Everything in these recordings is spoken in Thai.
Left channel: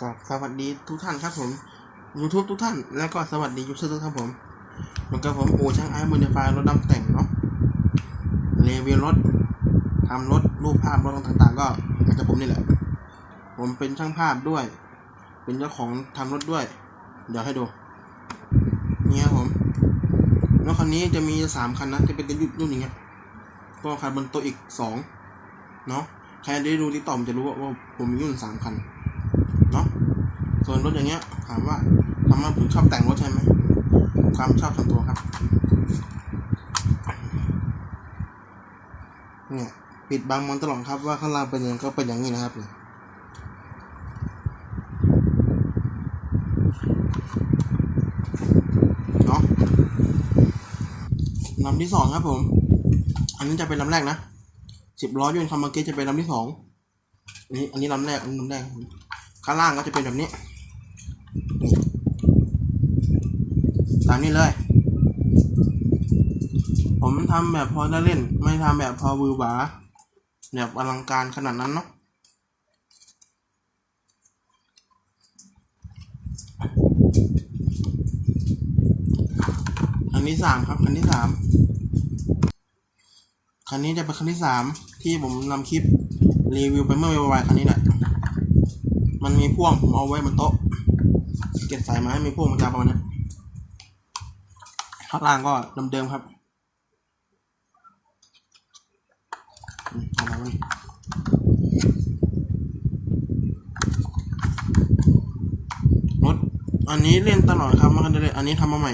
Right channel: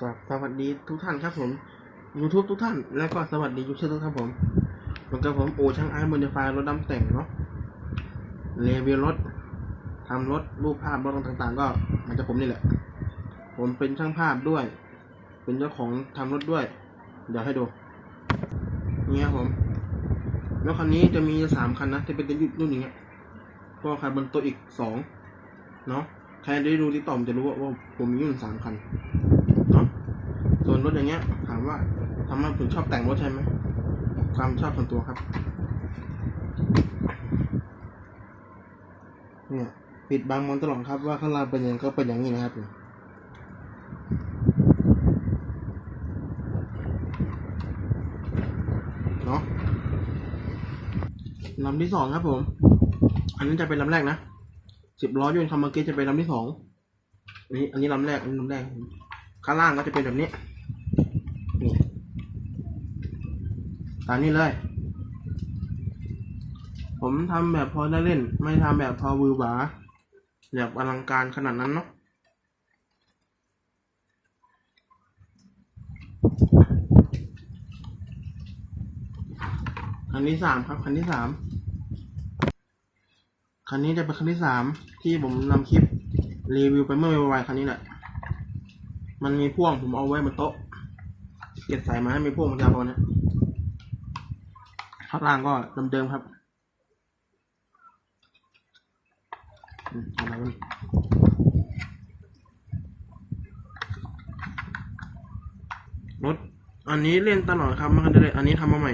ก็สวัสดีทุกท่านครับผม YouTube ทุกท่าน แล้วก็สวัสดียูทูบทุกท่านผมเหมือนกับผมโอช่างไอ้บนไฟรถดำแต่งเนาะรีวิวรถทำรถรูปภาพรถต่างๆ ก็มาจากผมนี่แหละ ผมเป็นช่างภาพด้วย เป็นเจ้าของทำรถด้วย เดี๋ยวให้ดู นี่ครับผมรถคันนี้จะมีสามคันนะที่เป็นรุ่นรุ่นอย่างเงี้ยก็คันบนตัวอีกสองเนาะใครได้ดูที่ต่อมจะรู้ว่าว่าผมมีรุ่นสามคัน เนาะส่วนรถอย่างเงี้ย ถามว่าทำไมผมชอบแต่งรถใช่ไหม ความชอบส่วนตัวครับ เนี่ย ปิดบังมันตลอดครับว่าข้างล่างเป็นยังไงก็เป็นอย่างนี้นะครับเนี่ยเนาะลำที่สองครับผม อันนี้จะเป็นลำแรกนะสิบล้อยนต์คำเมื่อกี้จะเป็นลำที่สองอันนี้ อันนี้ลำแรก อันนี้ลำแรกครับผม ข้างล่างก็จะเป็นแบบนี้นี่ตามนี้เลย ผมทำแบบพอได้เล่น ไม่ทำแบบพอวือหวาแบบอลังการขนาดนั้นเนาะคันที่สามครับคันที่สามคันนี้จะเป็นคันที่สามที่ผมนำคลิปรีวิวไปเมื่อวานคันนี้แหละ มันมีพ่วงผมเอาไว้บนโต๊ะเก็บสายมาให้มีพ่วงมันยาวประมาณนี้ข้างล่างก็เดิมๆครับอันรถอันนี้เล่นตลอดครับมาคันเดียวเลยอันนี้ทำมาใหม่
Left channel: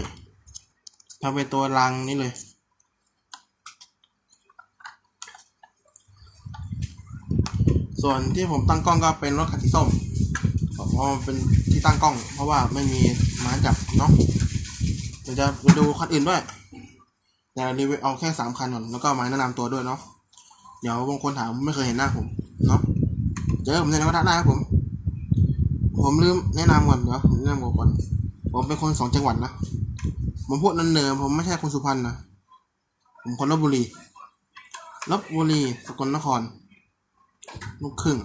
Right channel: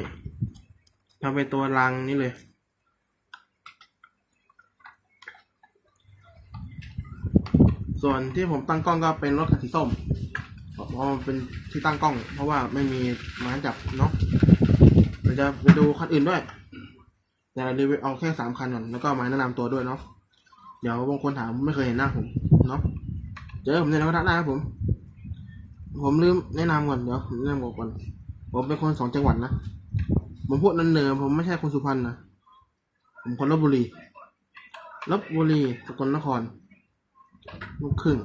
ทำเป็นตัวรางนี้เลยส่วนที่ผมตั้งกล้องก็เป็นรถคันสีส้ม เพราะมันเป็นที่ตั้งกล้อง เพราะว่าไม่มีไม้จับเนาะเดี๋ยวจะไปดูคันอื่นด้วยแต่รีวิวเอาแค่สามคันก่อนแล้วก็มาแนะนำตัวด้วยเนาะเดี๋ยวบางคนถามไม่เคยเห็นหน้าผมเนาะเจอผมในกระทะได้ครับผม ผมลืมแนะนำก่อนเดี๋ยวแนะนำก่อนผมเป็นคนสองจังหวัดนะผมพูดนันเนือผมไม่ใช่คนสุพรรณนะผมคนลบบุรีลบบุรีสกลนครลูกครึ่ง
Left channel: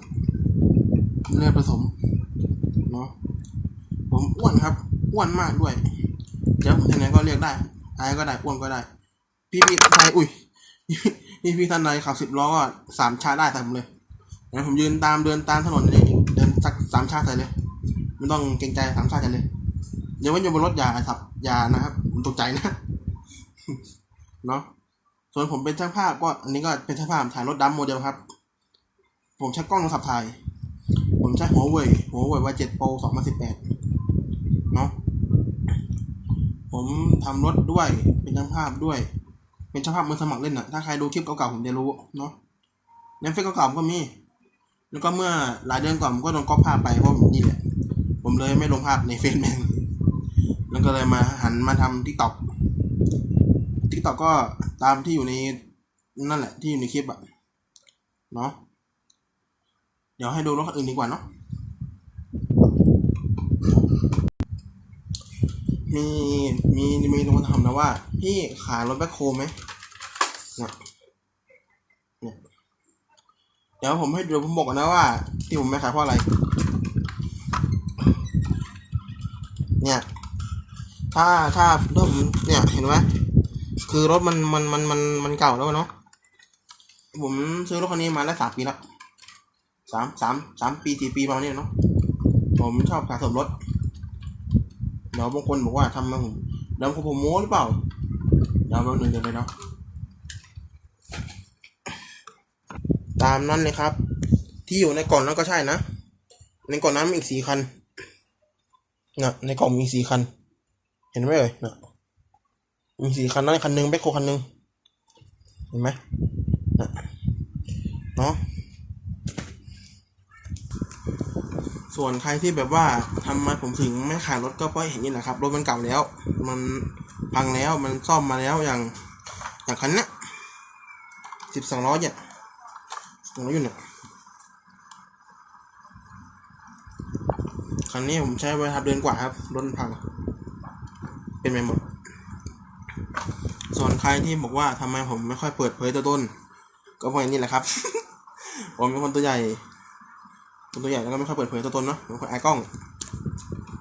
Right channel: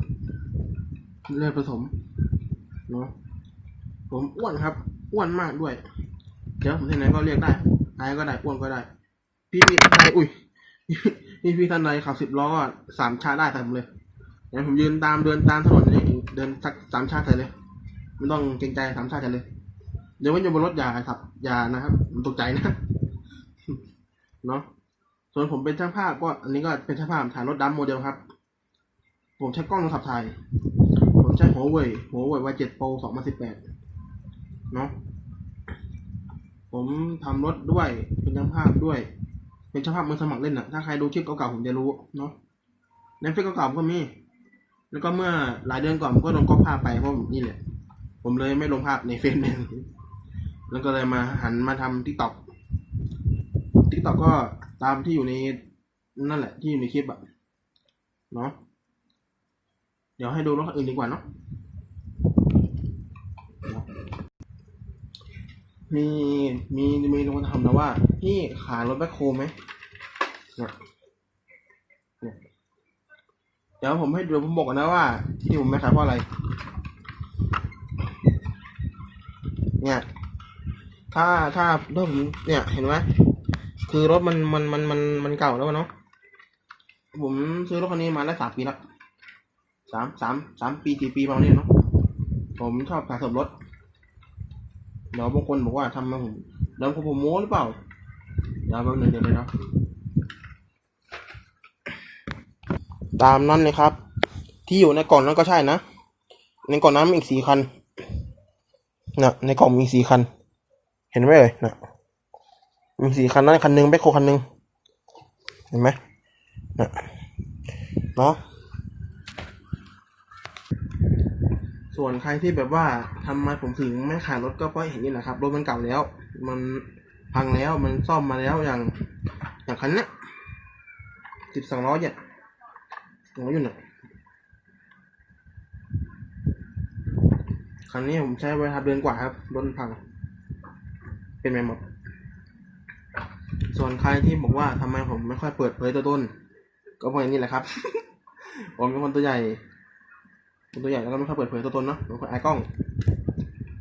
เลือดผสม เนาะผมอ้วนครับอ้วนมากด้วยเดี๋ยวที่ไหนก็เรียกได้ไอ้ก็ได้อ้วนก็ได้ พี่พี่ท่านใดอุ้ยพี่พี่ท่านใดขับสิบล้อก็สามชาได้แต่ผมเลยเดี๋ยวผมยืนตามเดินตามถนนเดินสักสามชาใส่เลยไม่ต้องเกรงใจสามชาใส่เลยเดี๋ยวว่าอยู่บนรถอย่าครับอย่านะครับผมตกใจนะเนาะส่วนผมเป็นช่างภาพก็อันนี้ก็เป็นช่างภาพถ่ายรถดำโมเดลครับ ผมใช้กล้องโทรศัพท์ถ่าย ใช้หัวเว่ยหัวเว่ยวาเจ็ดโปรสองพันสิบแปดเนาะผมทำรถด้วยเป็นช่างภาพด้วย เป็นช่างภาพมือสมัครเล่นอะถ้าใครดูคลิปเก่าๆผมจะรู้เนาะในเฟซเก่าๆผมก็มี แล้วก็เมื่อหลายเดือนก่อนผมก็โดนก๊อปภาพไปเพราะผมนี่แหละผมเลยไม่ลงภาพในเฟซแม่งแล้วก็เลยมาหันมาทำทิกตอกทิกตอกก็ตามที่อยู่ในนั่นแหละที่อยู่ในคลิปอะเนาะ เดี๋ยวให้ดูรถคันอื่นดีกว่าเนาะมีมีมีคนถามนะว่า พี่ขายรถแบ็คโฮไหมเนี่ยเดี๋ยวผมให้ดูผมบอกนนะว่าที่ผมไม่ขายเพราะอะไร เนี่ย ถ้าถ้าถ้าผมเนี่ยเห็นไหมคือรถมันมันมันมันมันเก่าแล้วเนาะผมซื้อรถคันนี้มาได้สามปีแล้ว สามสามสามปีสี่ปีประมาณนี้เนาะผมชอบสะสมรถเดี๋ยวบางคนบอกว่าทำมาผมเดี๋ยวผมโม้หรือเปล่าเดี๋ยวแป๊บนึงเดี๋ยวเลยเนาะตามนั้นเลยครับ ที่อยู่ในกล่องนั้นก็ใช่นะ ในกล่องนั้นมีอีกสี่คันเนี่ยในกล่องมีสี่คัน เห็นไหมเอ่ยเนี่ยมีสี่คันน้อยคันหนึ่งแบคโคคันหนึ่งเห็นไหมเนี่ยเนาะ ส่วนใครที่แบบว่าทำไมผมถึงไม่ขายรถก็เพราะเห็นนี่แหละครับรถมันเก่าแล้ว มันพังแล้วมันซ่อมมาแล้วอย่างอย่างคันนี้สิบสองล้อเนี่ยสองล้ออยู่เนี่ยคันนี้ผมใช้เวลาเดือนกว่าครับรถมันพัง เป็นไปหมด ส่วนใครที่บอกว่าทำไมผมไม่ค่อยเปิดเผยตัวตน ก็เพราะอย่างนี้แหละครับ ผมเป็นคนตัวใหญ่ คนตัวใหญ่แล้วก็ไม่ค่อยเปิดเผยตัวตนเนาะบางคนอายกล้อง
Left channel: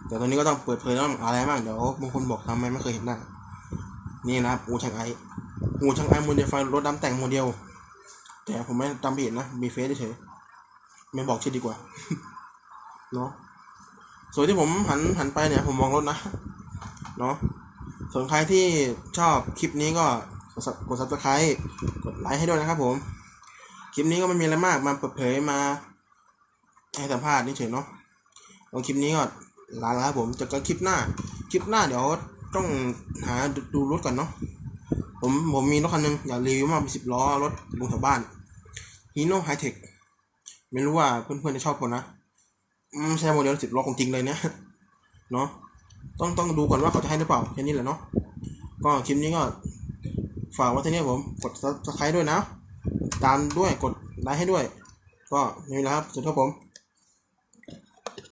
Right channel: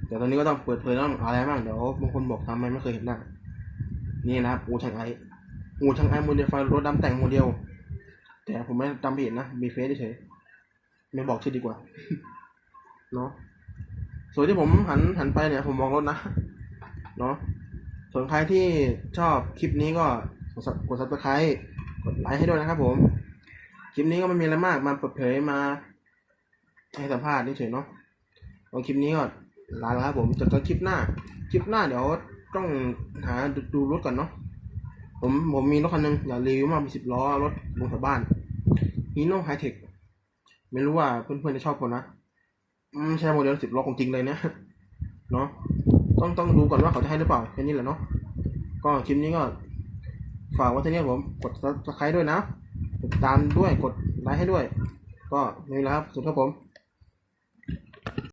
แต่ตอนนี้ก็ต้องเปิดเผยแล้วอะไรบ้างเดี๋ยวบางคนบอกทำไมไม่เคยเห็นหน้านี่นะครับอูช่างไออูช่างไอโมเดลไฟรถดำแต่งโมเดล แต่ผมไม่จำผิดนะมีเฟซเฉยไม่บอกชื่อดีกว่าเนาะส่วนที่ผมหันหันไปเนี่ยผมมองรถนะเนาะส่วนใครที่ชอบคลิปนี้ก็กด sub- กด subscribe กดไลค์ให้ด้วยนะครับผม คลิปนี้ก็ไม่มีอะไรมากมาเปิดเผยมา ให้สัมภาษณ์นี่เฉยเนาะเอาคลิปนี้ก็ลาแล้วครับผมเจอกันคลิปหน้า คลิปหน้าเดี๋ยวต้องหาดูดูรถก่อนเนาะผมผมมีรถคันหนึงอยากรีวิวมาเป็นสิบล้อรถลงแถวบ้านฮีโน่ไฮเทคไม่รู้ว่าเพื่อนๆจะชอบคนนะอืมใช่โมเดลสิบล้อของจริงเลยเนี่ยเนาะต้องต้องดูก่อนว่าเขาจะให้หรือเปล่าแค่นี้แหละเนาะก็คลิปนี้ก็ฝากไว้ที่นี่ผมกด subscribe ด้วยนะติดตามด้วยกดไลค์ให้ด้วย ก็ไม่มีแล้วครับสวัสดีครับผม